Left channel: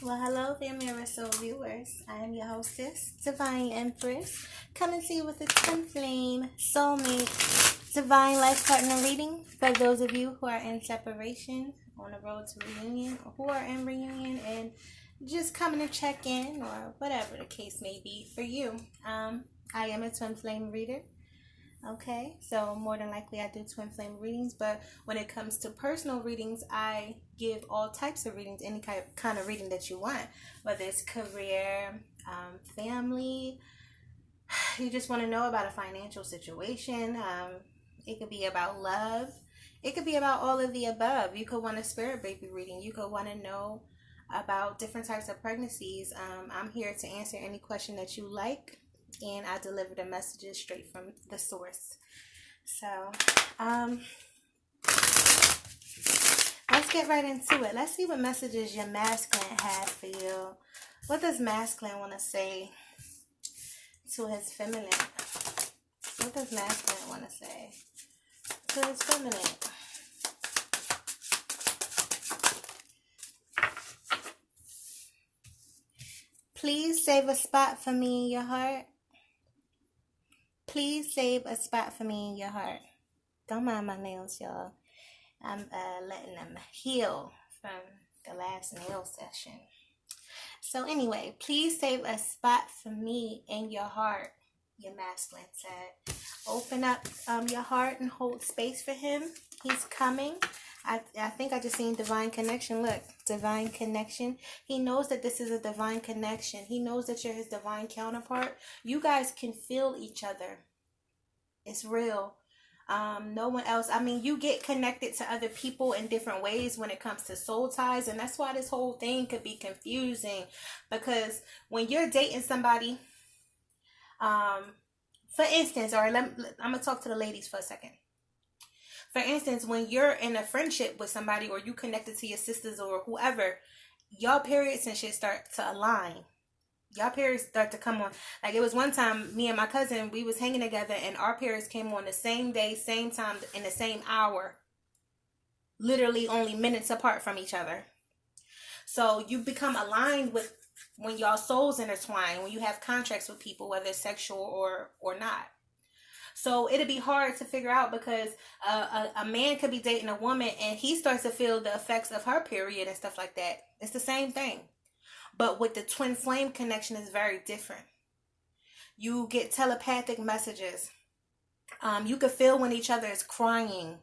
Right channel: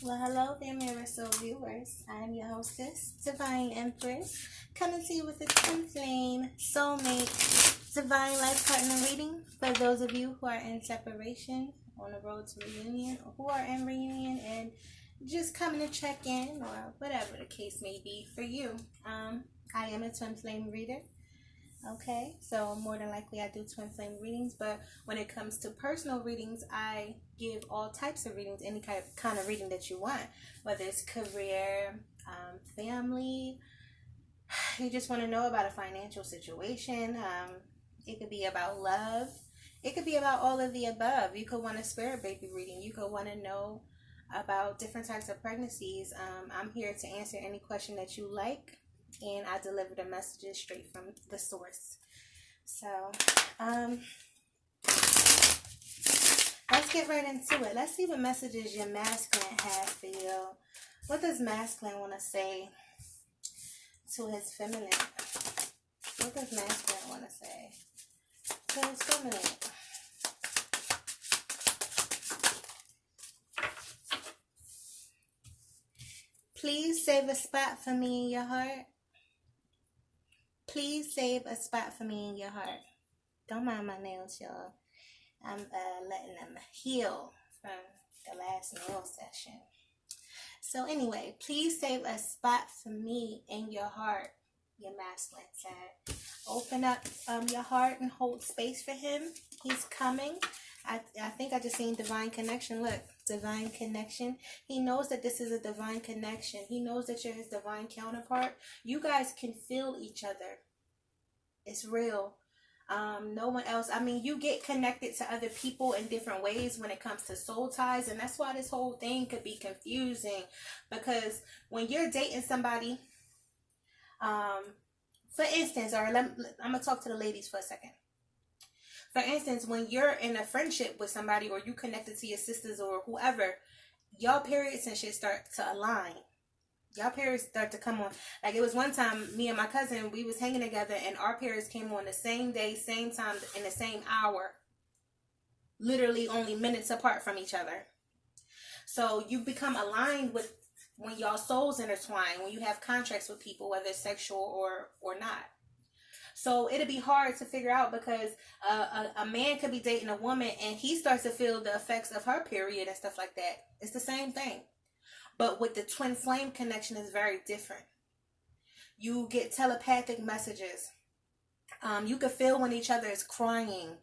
Well, hello there, Mirror Soul viewers. I am your hostess, Divine Empress, coming to you with a twin flame, soulmate, divine life partner reading for those of you who are in separation, on the road to reunion, or who are in reunion and just coming to check in, or whatever the case may be for you. I am a twin flame reader. Okay, so more than likely I do twin flame readings, but when it comes to personal readings, I give all types of readings, any kind of reading that you want, whether it's career, family, you just want to know about a financial situation, it could be about love, it could be about all of the above. You could want a spirit baby reading, you could want to know about different types of pregnancies. I'm here to answer any question that you like, and I deliver the messages straight from the source. So, let's get right into it. Let's see what messages your masculine has for you. What does masculine want to say to his feminine? What does masculine want to say to his feminine? Please save a spot for me in your heart. Please save a spot for me in your heart. Don't mind my nails, y'all. I'm letting them heal from the last nail session. So anyway, please save a spot for me in your heart, your masculine said. Open up your heart and hold space for him. He's coming. I think I just seen divine connection. Look, divine connection. He knows that this is a divine connection. He knows that you're his divine counterpart. You guys can feel each other. It's real. No one else. I mean, you get connected to other people in different ways when it comes to soul ties. And that's why this whole thing could be confusing. Because when you're dating somebody, for instance, I'm going to talk to the ladies for a second. For instance, when you're in a friendship with somebody, or you connected to your sisters or whoever, y'all periods and shit start to align. Y'all periods start to come on. Like, it was one time, me and my cousin, we was hanging together, and our periods came on the same day, same time, in the same hour. Literally only minutes apart from each other. So you become aligned with when y'all souls intertwine, when you have contracts with people, whether it's sexual or not. So it'd be hard to figure out, because a man could be dating a woman and he starts to feel the effects of her period and stuff like that. It's the same thing. But with the twin flame connection, is very different. You get telepathic messages. You could feel when each other is crying.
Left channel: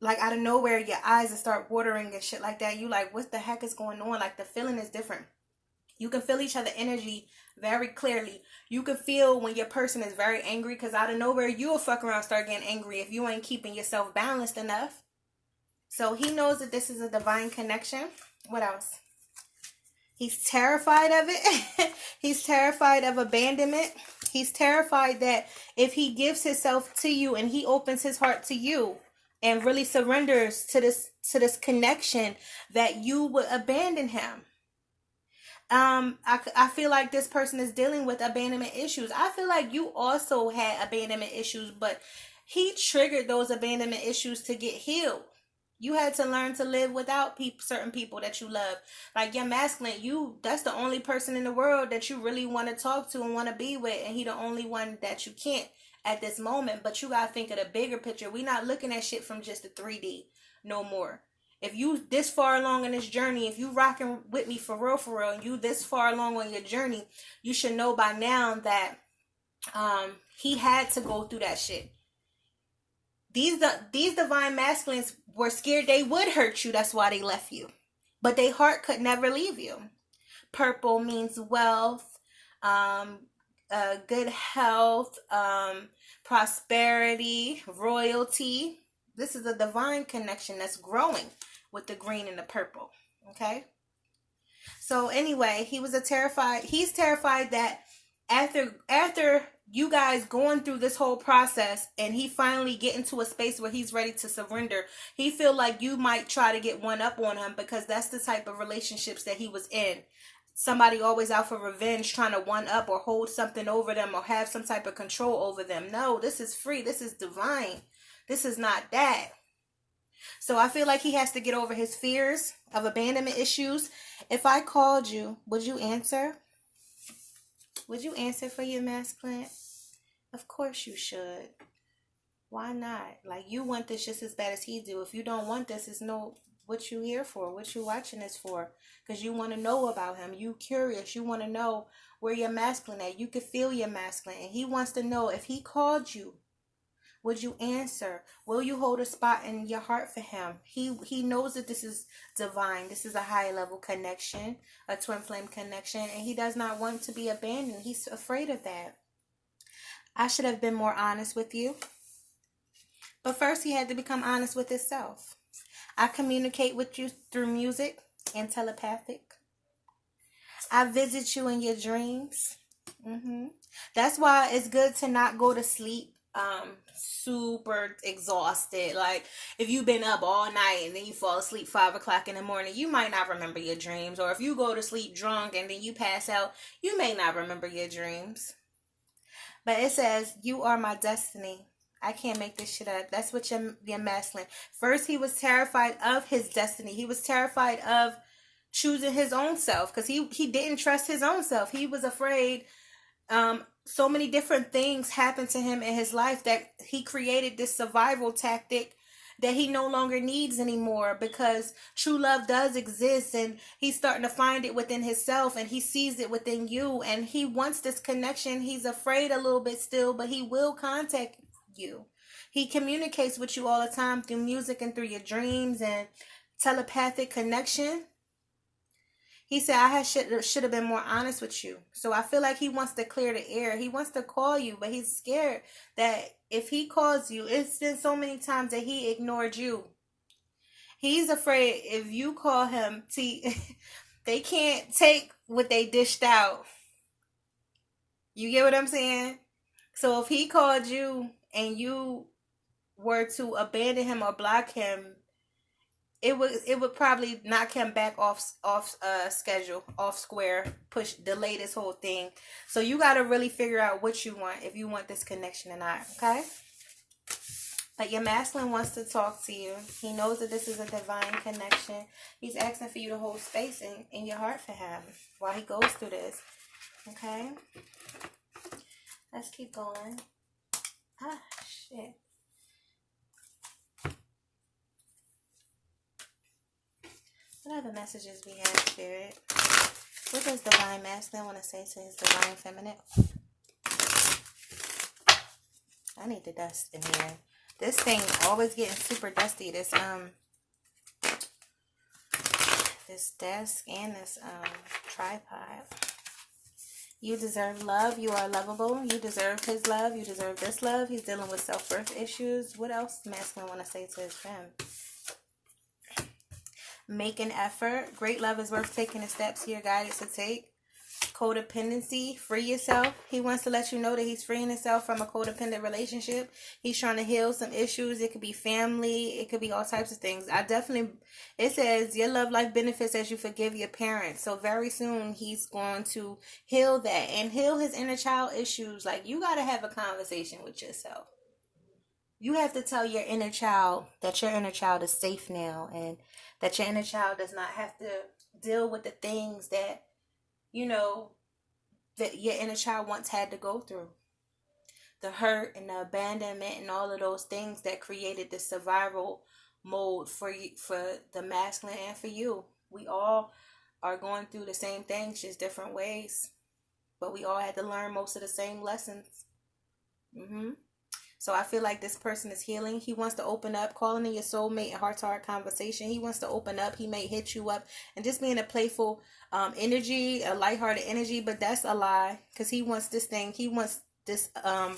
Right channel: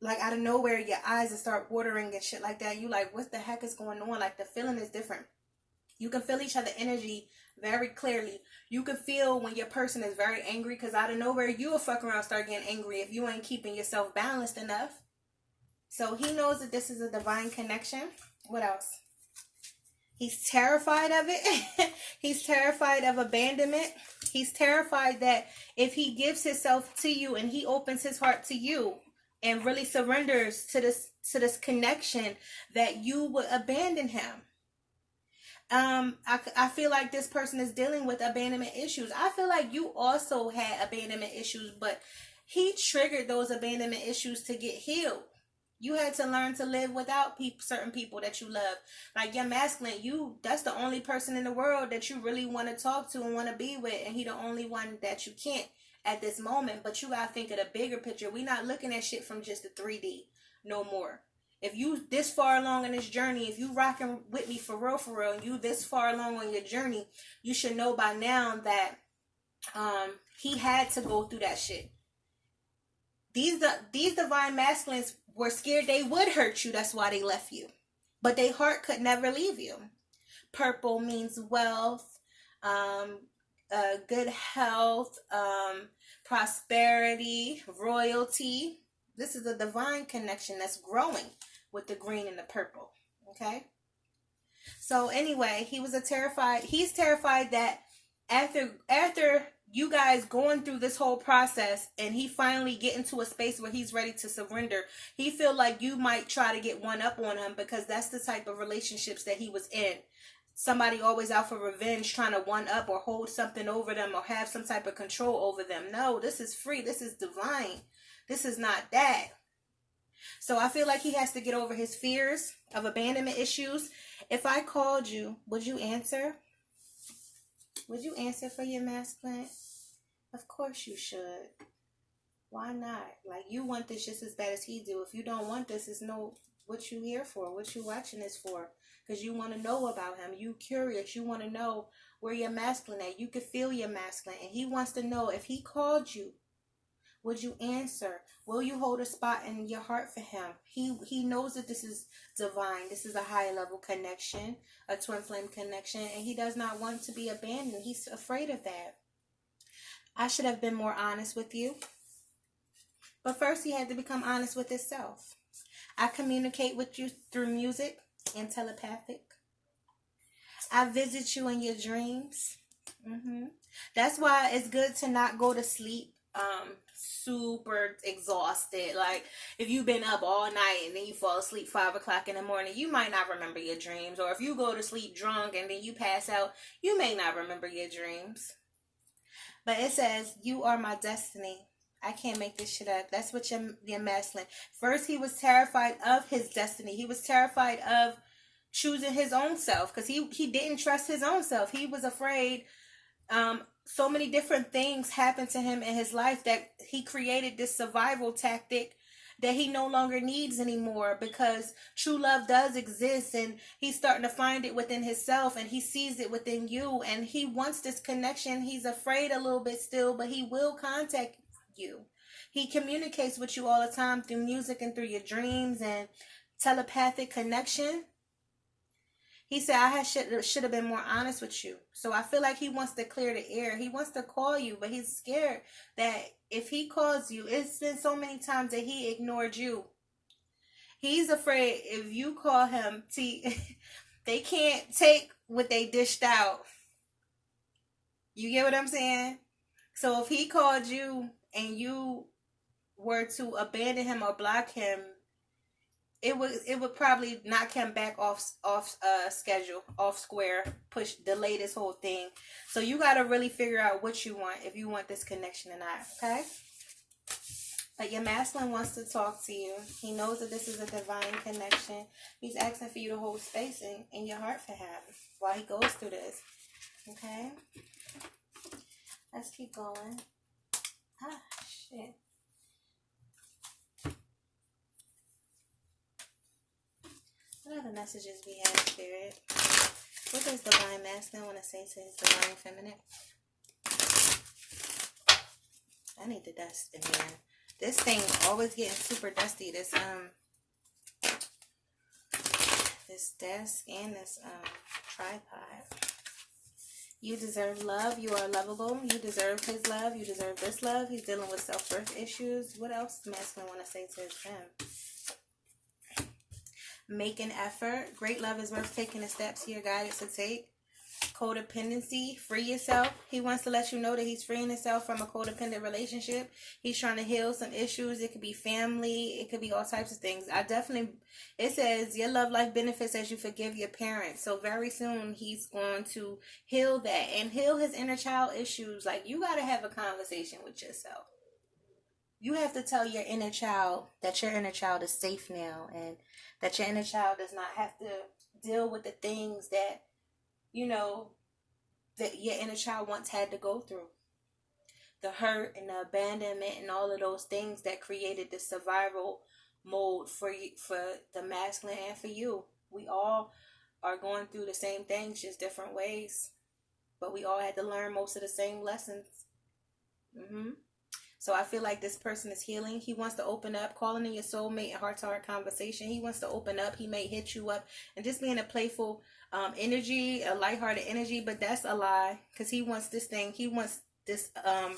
Like, out of nowhere, your eyes will start watering and shit like that. You like, what the heck is going on? Like, the feeling is different. You can feel each other's energy very clearly. You can feel when your person is very angry, because out of nowhere, you will fuck around start getting angry if you ain't keeping yourself balanced enough. So he knows that this is a divine connection. What else? He's terrified of it. He's terrified of abandonment. He's terrified that if he gives himself to you and he opens his heart to you and really surrenders to this connection, that you will abandon him. I feel like this person is dealing with abandonment issues. I feel like you also had abandonment issues, but he triggered those abandonment issues to get healed. You had to learn to live without certain people that you love. Like your masculine, that's the only person in the world that you really want to talk to and want to be with, and he the only one that you can't at this moment. But you gotta think of the bigger picture. We're not looking at shit from just the 3D no more. If you this far along in this journey, if you rocking with me for real, and you this far along on your journey, you should know by now that he had to go through that shit. These divine masculines were scared they would hurt you. That's why they left you. But their heart could never leave you. Purple means wealth, good health, prosperity, royalty. This is a divine connection that's growing with the green and the purple. Okay? So anyway, he's terrified that after you guys going through this whole process and he finally get into a space where he's ready to surrender, he feel like you might try to get one up on him, because that's the type of relationships that he was in. Somebody always out for revenge, trying to one up or hold something over them or have some type of control over them. No, this is free. This is divine. This is not that. So I feel like he has to get over his fears of abandonment issues. If I called you, would you answer? Would you answer for your masculine? Of course you should. Why not? Like, you want this just as bad as he do. If you don't want this, it's no, what you here for, what you watching this for. Because you want to know about him. You curious. You want to know where your masculine at. You can feel your masculine. And he wants to know, if he called you, would you answer? Will you hold a spot in your heart for him? He knows that this is divine. This is a high level connection, a twin flame connection. And he does not want to be abandoned. He's afraid of that. I should have been more honest with you. But first he had to become honest with himself. I communicate with you through music and telepathic. I visit you in your dreams. That's why it's good to not go to sleep super exhausted. Like, if you've been up all night and then you fall asleep 5 o'clock in the morning, you might not remember your dreams. Or if you go to sleep drunk and then you pass out, you may not remember your dreams. But it says, you are my destiny. I can't make this shit up. That's what your masculine. First, he was terrified of his destiny. He was terrified of choosing his own self, because he didn't trust his own self. He was afraid. So many different things happened to him in his life that he created this survival tactic that he no longer needs anymore, because true love does exist, and he's starting to find it within himself, and he sees it within you, and he wants this connection. He's afraid a little bit still, but he will contact you. He communicates with you all the time through music and through your dreams and telepathic connection. He said, I should have been more honest with you. So I feel like he wants to clear the air. He wants to call you, but he's scared that if he calls you, it's been so many times that he ignored you. He's afraid if you call him, they can't take what they dished out. You get what I'm saying? So if he called you and you were to abandon him or block him, it would probably knock him back off schedule, off square, delay this whole thing. So you got to really figure out what you want, if you want this connection or not, okay? But your masculine wants to talk to you. He knows that this is a divine connection. He's asking for you to hold space in your heart for him while he goes through this, okay? Let's keep going. Ah, shit. What other messages we have, Spirit? What does divine masculine want to say to his divine feminine? I need the dust in here. This thing always getting super dusty. This desk and this tripod. You deserve love. You are lovable. You deserve his love. You deserve this love. He's dealing with self-worth issues. What else masculine want to say to his friend? Make an effort. Great love is worth taking the steps here guided to take. Codependency. Free yourself. He wants to let you know that he's freeing himself from a codependent relationship. He's trying to heal some issues. It could be family. It could be all types of things. It says your love life benefits as you forgive your parents. So very soon he's going to heal that and heal his inner child issues. Like, you got to have a conversation with yourself. You have to tell your inner child that your inner child is safe now, and that your inner child does not have to deal with the things that, that your inner child once had to go through. The hurt and the abandonment and all of those things that created the survival mode for you, for the masculine and for you. We all are going through the same things, just different ways. But we all had to learn most of the same lessons. So I feel like this person is healing. He wants to open up, calling in your soulmate, a heart-to-heart conversation. He wants to open up. He may hit you up and just be in a playful energy, a lighthearted energy, but that's a lie, because he wants this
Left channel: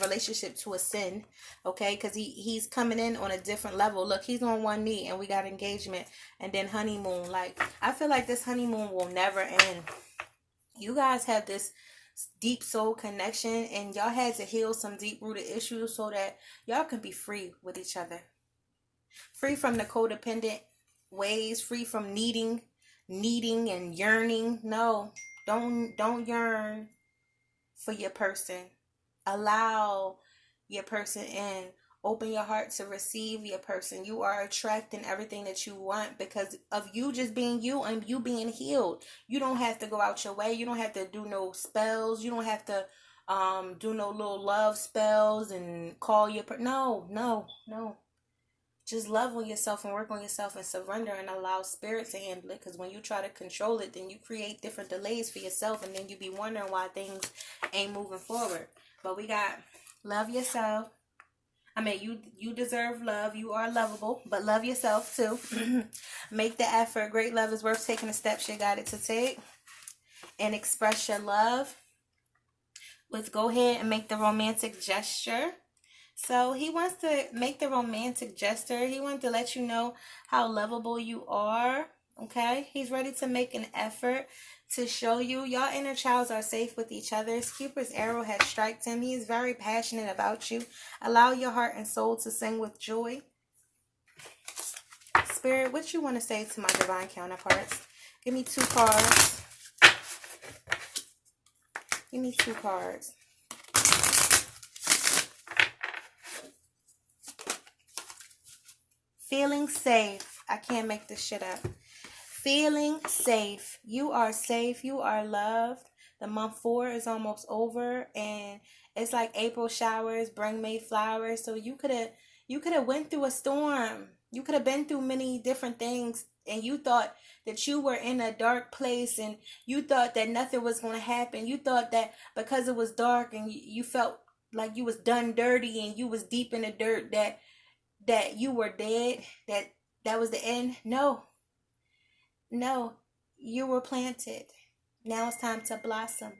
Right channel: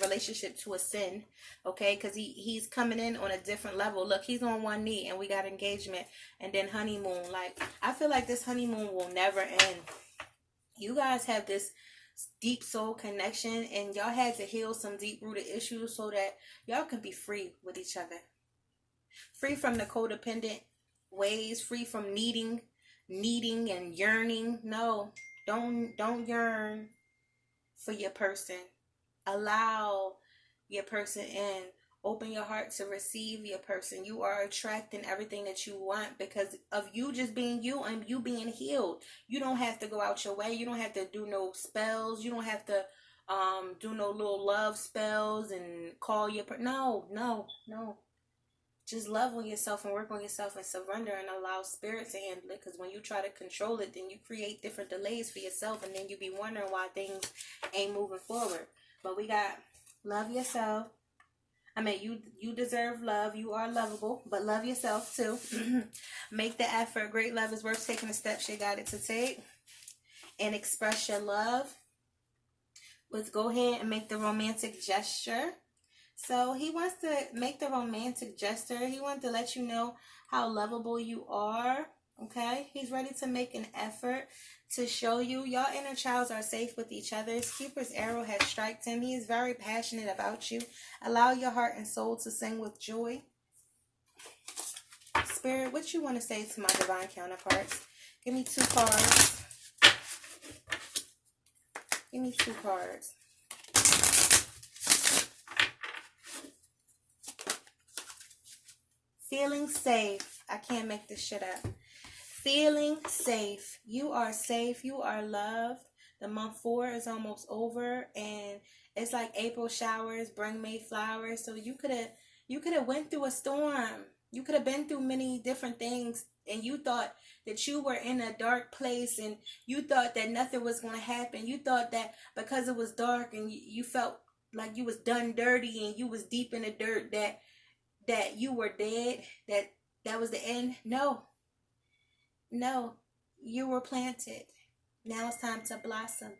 relationship to ascend, okay? Because he's coming in on a different level. Look, he's on one knee and we got engagement and then honeymoon. Like, I feel like this honeymoon will never end. You guys have this deep soul connection, and y'all had to heal some deep rooted issues so that y'all can be free with each other, free from the codependent ways, free from needing and yearning. No, don't yearn for your person. Allow your person in Open your heart to receive your person. You are attracting everything that you want because of you just being you and you being healed. You don't have to go out your way. You don't have to do no spells. You don't have to do no little love spells and call your no. Just love on yourself and work on yourself and surrender and allow spirit to handle it. Because when you try to control it, then you create different delays for yourself, and then you be wondering why things ain't moving forward. But we got love yourself. I mean, you deserve love. You are lovable, but love yourself too. Make the effort. Great love is worth taking the steps you got it to take. And express your love. Let's go ahead and make the romantic gesture. So he wants to make the romantic gesture. He wants to let you know how lovable you are. Okay? He's ready to make an effort to show you your inner childs are safe with each other. Cupid's arrow has struck him. He is very passionate about you. Allow your heart and soul to sing with joy. Spirit, what you want to say to my divine counterparts? Give me 2 cards. Give me 2 cards. Feeling safe. I can't make this shit up. Feeling safe. You are safe. You are loved. The month 4 is almost over, and it's like April showers bring May flowers. So you could have went through a storm. You could have been through many different things, and you thought that you were in a dark place, and you thought that nothing was going to happen. You thought that because it was dark and you felt like you was done dirty and you was deep in the dirt, that you were dead, that was the end. No, you were planted. Now it's time to blossom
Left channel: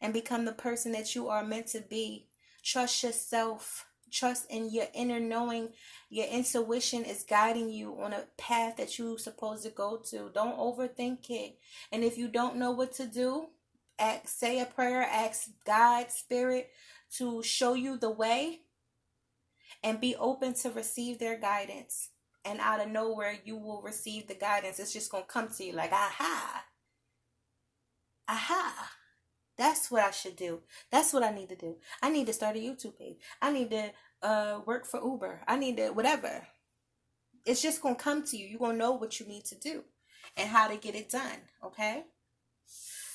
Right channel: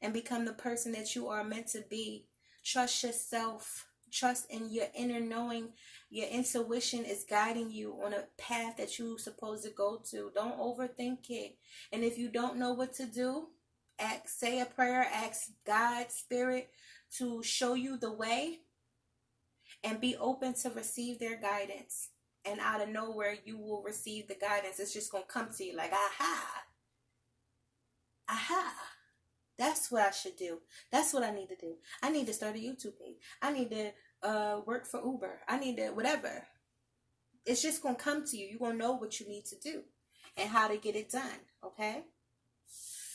and become the person that you are meant to be. Trust yourself. Trust in your inner knowing. Your intuition is guiding you on a path that you're supposed to go to. Don't overthink it. And if you don't know what to do, say a prayer. Ask God, Spirit, to show you the way. And be open to receive their guidance. And out of nowhere, you will receive the guidance. It's just going to come to you like, aha. That's what I should do. That's what I need to do. I need to start a YouTube page. I need to work for Uber. I need to whatever. It's just going to come to you. You're going to know what you need to do and how to get it done. Okay?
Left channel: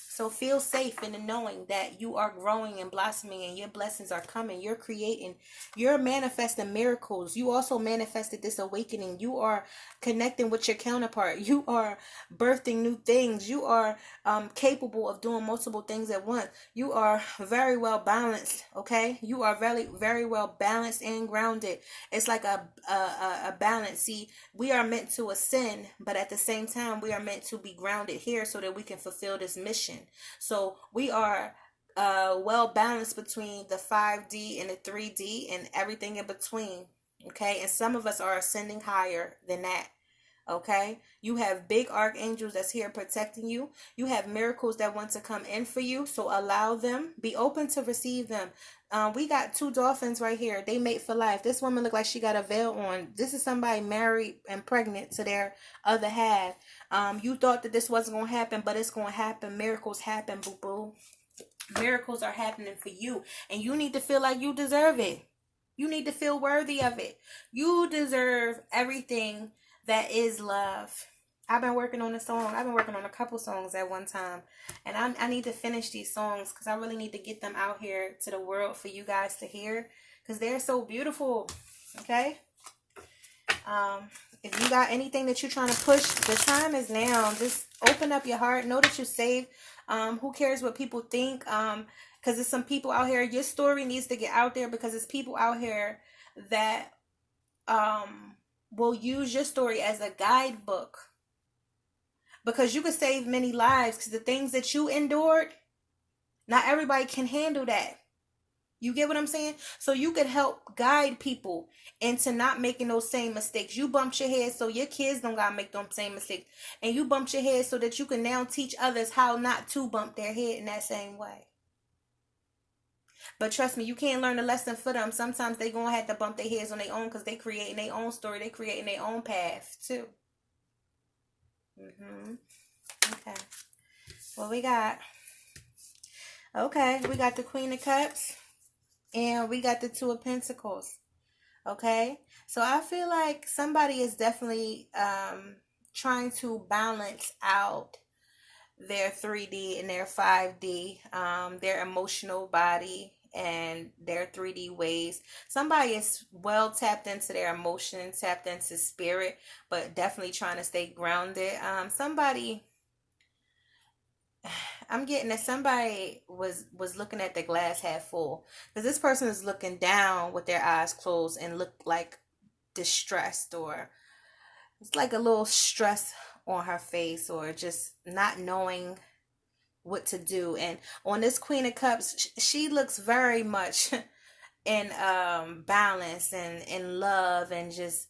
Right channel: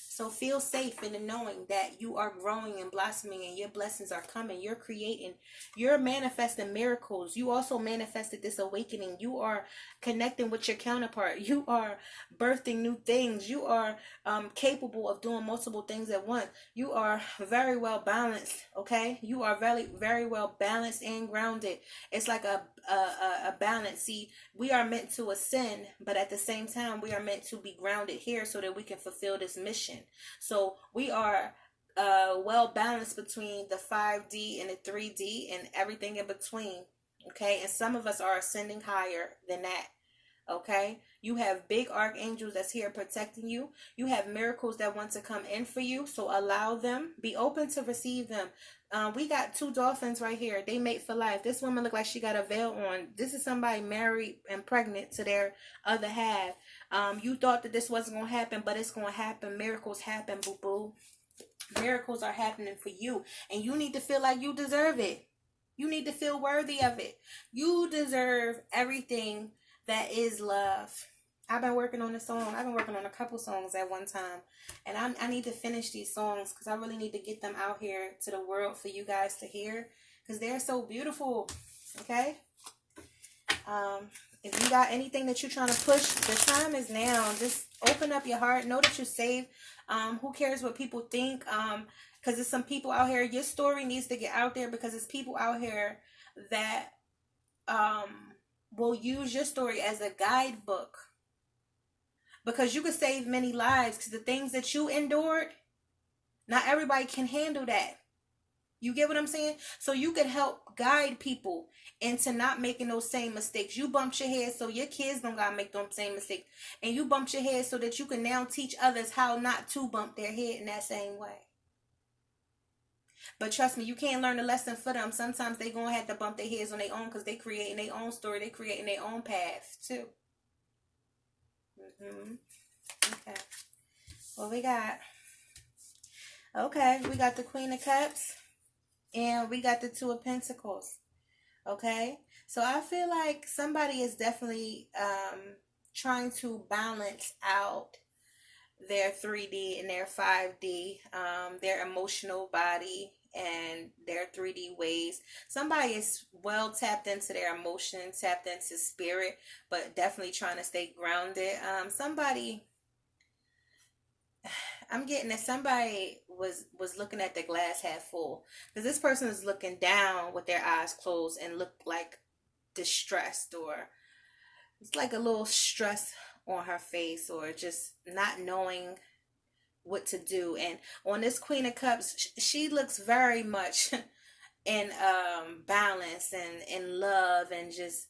So feel safe in the knowing that you are growing and blossoming and your blessings are coming. You're creating. You're manifesting miracles. You also manifested this awakening. You are connecting with your counterpart. You are birthing new things. You are capable of doing multiple things at once. You are very well balanced. Okay? You are very, very well balanced and grounded. It's like a balance. See, we are meant to ascend, but at the same time, we are meant to be grounded here so that we can fulfill this mission. So we are well balanced between the 5D and the 3D and everything in between. Okay. And some of us are ascending higher than that. Okay. You have big archangels that's here protecting you. You have miracles that want to come in for you. So allow them. Be open to receive them. We got 2 dolphins right here. They mate for life. This woman look like she got a veil on. This is somebody married and pregnant to their other half. You thought that this wasn't going to happen, but it's going to happen. Miracles happen, boo-boo. Miracles are happening for you. And you need to feel like you deserve it. You need to feel worthy of it. You deserve everything that is love. I've been working on a song. I've been working on a couple songs at one time. And I need to finish these songs because I really need to get them out here to the world for you guys to hear. Because they're so beautiful. Okay? If you got anything that you're trying to push, the time is now. Just open up your heart. Know that you're safe. Who cares what people think? Because there's some people out here. Your story needs to get out there because there's people out here that will use your story as a guidebook. Because you could save many lives. Because the things that you endured, not everybody can handle that. You get what I'm saying? So you could help guide people into not making those same mistakes. You bumped your head so your kids don't gotta make those same mistakes. And you bumped your head so that you can now teach others how not to bump their head in that same way. But trust me, you can't learn a lesson for them. Sometimes they gonna have to bump their heads on their own because they creating their own story. They creating their own path too. Okay. What we got? Okay, we got the Queen of Cups. And we got the 2 of Pentacles. Okay? So I feel like somebody is definitely trying to balance out their 3D and their 5D, their emotional body and their 3D ways. Somebody is well tapped into their emotions, tapped into spirit, but definitely trying to stay grounded. Somebody, I'm getting that somebody was looking at the glass half full, because this person is looking down with their eyes closed and look like distressed, or it's like a little stress on her face, or just not knowing what to do. And on this Queen of Cups, she looks very much in balance and in love, and just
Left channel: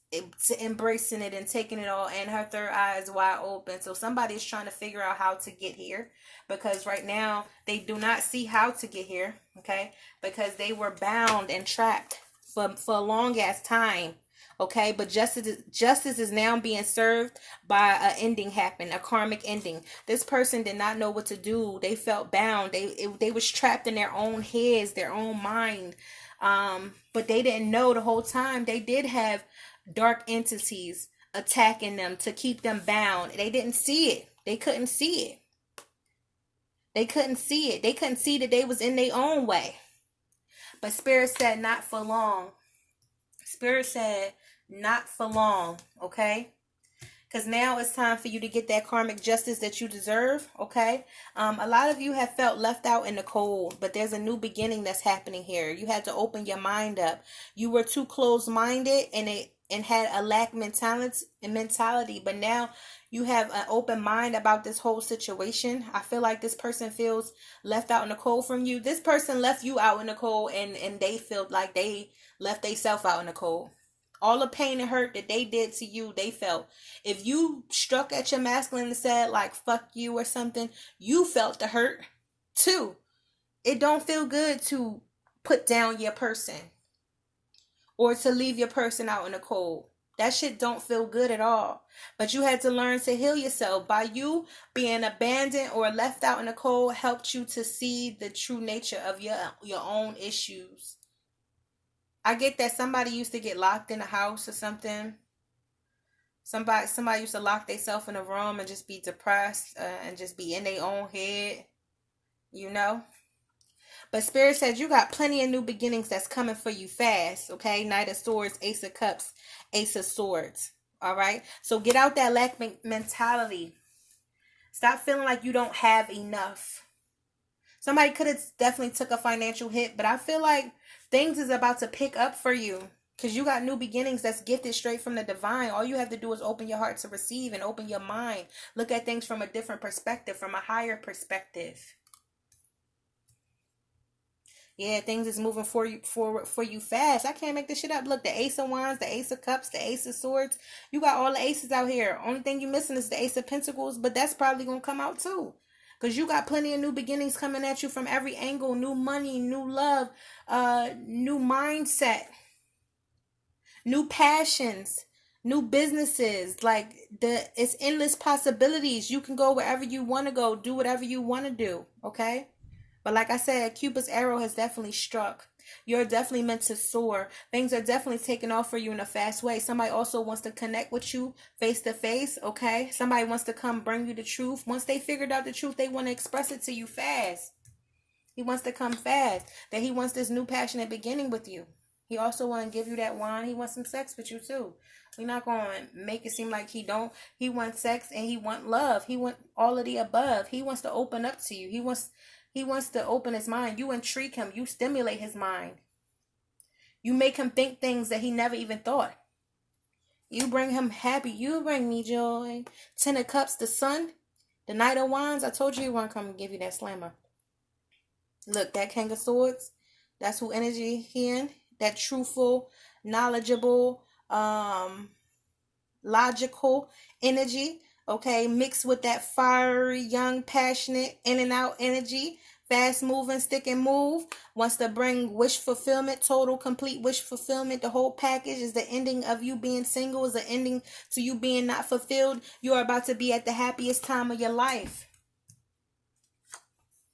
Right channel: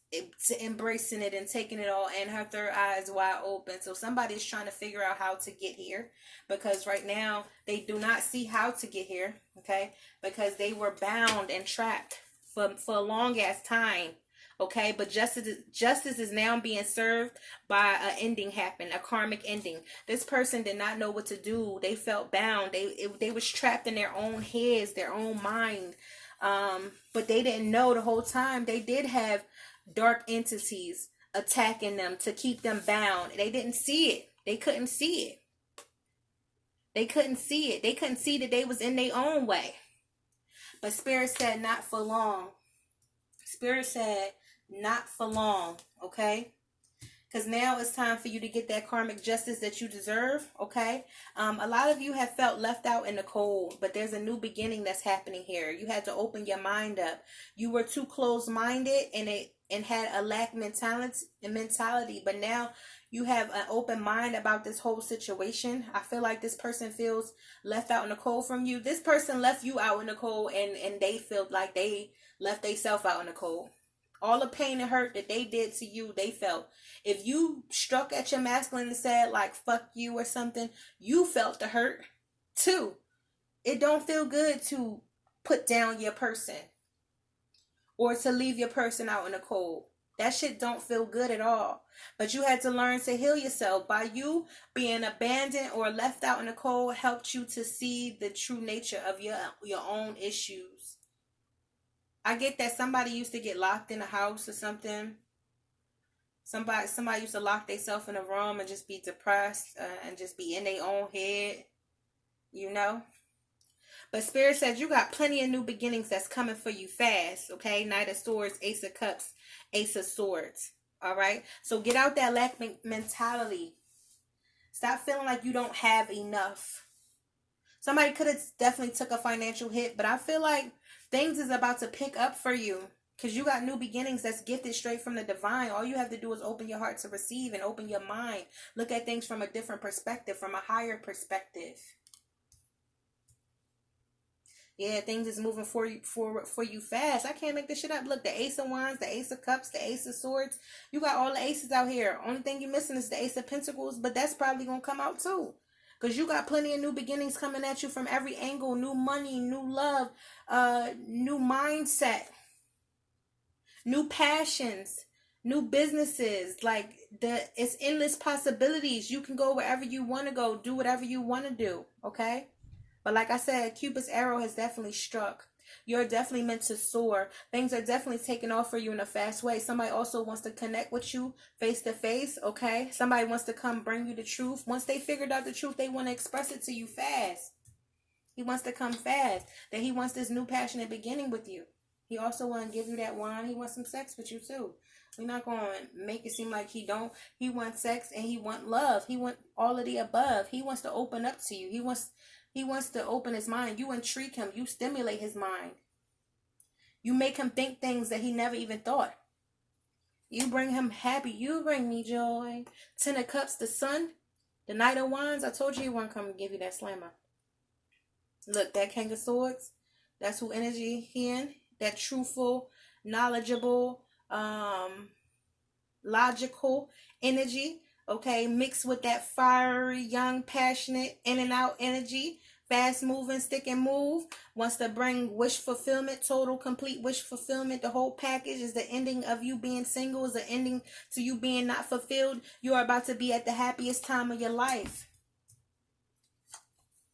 embracing it and taking it all, and her third eye is wide open. So somebody is trying to figure out how to get here, because right now they do not see how to get here. Okay, because they were bound and trapped for a long ass time. Okay, but justice is now being served by an ending happen, a karmic ending. This person did not know what to do. They felt bound. They was trapped in their own heads, their own mind. But they didn't know the whole time they did have dark entities attacking them to keep them bound. They didn't see it. They couldn't see it. They couldn't see it. They couldn't see that they was in their own way. But Spirit said not for long. Spirit said not for long, okay? Because now it's time for you to get that karmic justice that you deserve, okay? A lot of you have felt left out in the cold, but there's a new beginning that's happening here. You had to open your mind up. You were too closed-minded and had a lack mentality, but now you have an open mind about this whole situation. I feel like this person feels left out in the cold from you. This person left you out in the cold, and they feel like they left themselves out in the cold. All the pain and hurt that they did to you, they felt. If you struck at your masculine and said like fuck you or something, you felt the hurt too. It don't feel good to put down your person or to leave your person out in the cold. That shit don't feel good at all. But you had to learn to heal yourself. By you being abandoned or left out in the cold helped you to see the true nature of your own issues. I get that somebody used to get locked in a house or something. Somebody used to lock themselves in a room and just be depressed and just be in their own head, you know. But Spirit said you got plenty of new beginnings that's coming for you fast, okay? Knight of Swords, Ace of Cups, Ace of Swords, all right? So get out that lack mentality. Stop feeling like you don't have enough. Somebody could have definitely took a financial hit, but I feel like things is about to pick up for you, because you got new beginnings that's gifted straight from the divine. All you have to do is open your heart to receive and open your mind. Look at things from a different perspective, from a higher perspective. Yeah, things is moving forward for you fast. I can't make this shit up. Look, the Ace of Wands, the Ace of Cups, the Ace of Swords. You got all the aces out here. Only thing you missing is the Ace of Pentacles, but that's probably going to come out too. Because you got plenty of new beginnings coming at you from every angle. New money, new love, new mindset, new passions, new businesses. Like, it's endless possibilities. You can go wherever you want to go. Do whatever you want to do. Okay? But like I said, Cupid's arrow has definitely struck. You're definitely meant to soar. Things are definitely taking off for you in a fast way. Somebody also wants to connect with you face to face, okay? Somebody wants to come bring you the truth. Once they figured out the truth, they want to express it to you fast. He wants to come fast. That he wants this new passionate beginning with you. He also want to give you that wine. He wants some sex with you too. We're not going to make it seem like he don't. He wants sex and he wants love. He wants all of the above. He wants to open up to you. He wants to open his mind. You intrigue him. You stimulate his mind. You make him think things that he never even thought. You bring him happy. You bring me joy. 10 of Cups, the Sun. The Knight of Wands. I told you he want to come and give you that slammer. Look, that King of Swords. That's who energy he in. That truthful, knowledgeable, logical energy. Okay, mixed with that fiery, young, passionate, in and out energy. Fast moving, stick and move. Wants to bring wish fulfillment, total, complete wish fulfillment. The whole package is the ending of you being single, is the ending to you being not fulfilled. You are about to be at the happiest time of your life.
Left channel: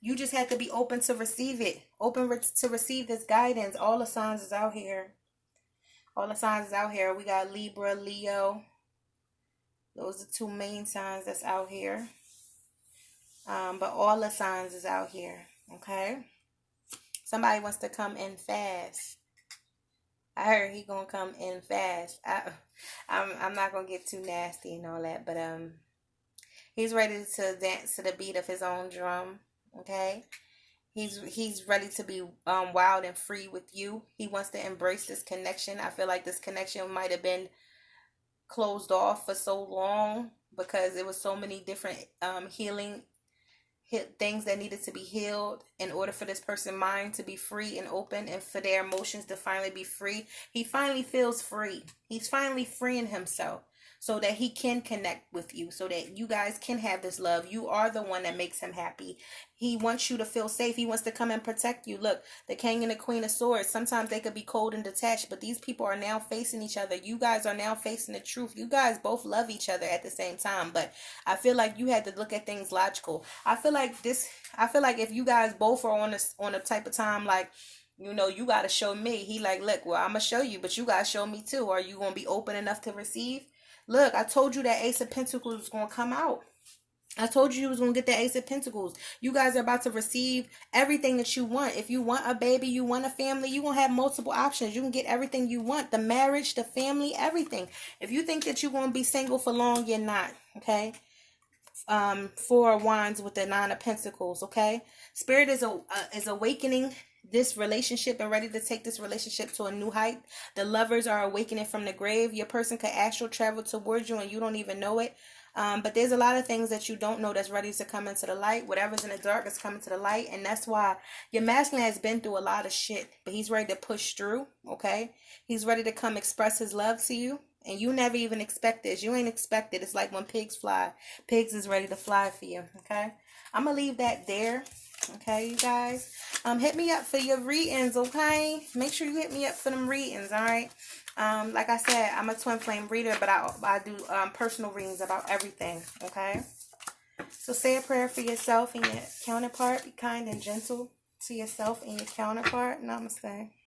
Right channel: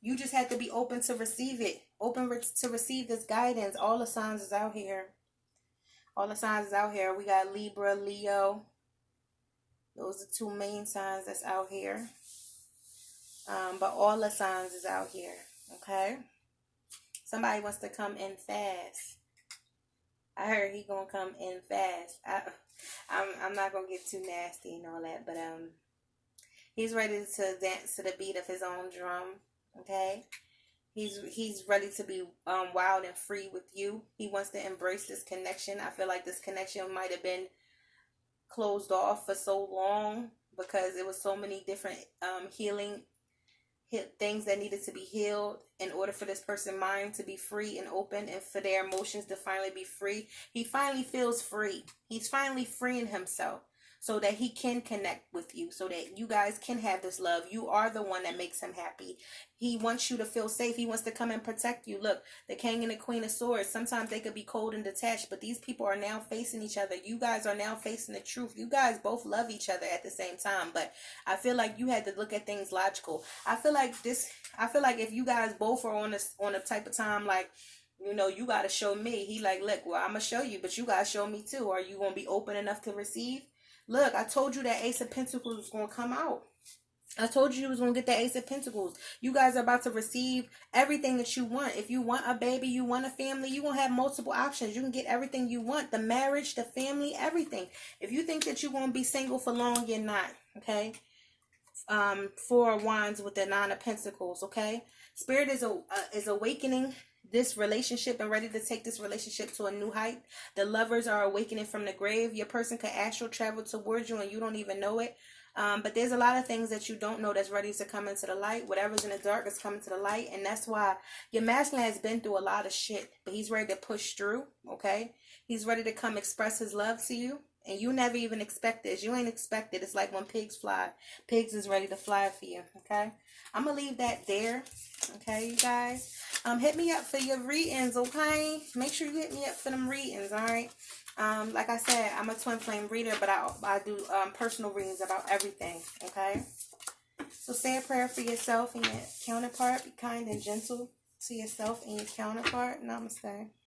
You just have to be open to receive it. Open to receive this guidance. All the signs is out here. All the signs is out here. We got Libra, Leo. Those are two main signs that's out here. But all the signs is out here. Okay? Somebody wants to come in fast. I heard he gonna come in fast. I'm not gonna get too nasty and all that, but he's ready to dance to the beat of his own drum. Okay? He's ready to be wild and free with you. He wants to embrace this connection. I feel like this connection might have been closed off for so long because there was so many different healing things that needed to be healed in order for this person's mind to be free and open and for their emotions to finally be free. He finally feels free. He's finally freeing himself so that he can connect with you, so that you guys can have this love. You are the one that makes him happy. He wants you to feel safe. He wants to come and protect you. Look, the King and the Queen of Swords, sometimes they could be cold and detached, but these people are now facing each other. You guys are now facing the truth. You guys both love each other at the same time, but I feel like you had to look at things logical. I feel like if you guys both are on a type of time like, you know, you got to show me. He like, look, well, I'm going to show you, but you got to show me too. Are you going to be open enough to receive? Look, I told you that Ace of Pentacles was going to come out. I told you was going to get that Ace of Pentacles. You guys are about to receive everything that you want. If you want a baby, you want a family, you're going to have multiple options. You can get everything you want. The marriage, the family, everything. If you think that you're going to be single for long, you're not. Okay? Four of Wands with the Nine of Pentacles. Okay? Spirit is awakening this relationship and ready to take this relationship to a new height. The lovers are awakening from the grave. Your person could astral travel towards you and you don't even know it. But there's a lot of things that you don't know that's ready to come into the light. Whatever's in the dark is coming to the light. And that's why your masculine has been through a lot of shit. But he's ready to push through. Okay? He's ready to come express his love to you. And you never even expect this. You ain't expect it. It's like when pigs fly. Pigs is ready to fly for you. Okay? I'm going to leave that there. Okay, you guys? Hit me up for your readings, okay? Make sure you hit me up for them readings, all right? Like I said, I'm a twin flame reader, but I do personal readings about everything, okay? So say a prayer for yourself and your counterpart. Be kind and gentle to yourself and your counterpart. Namaste.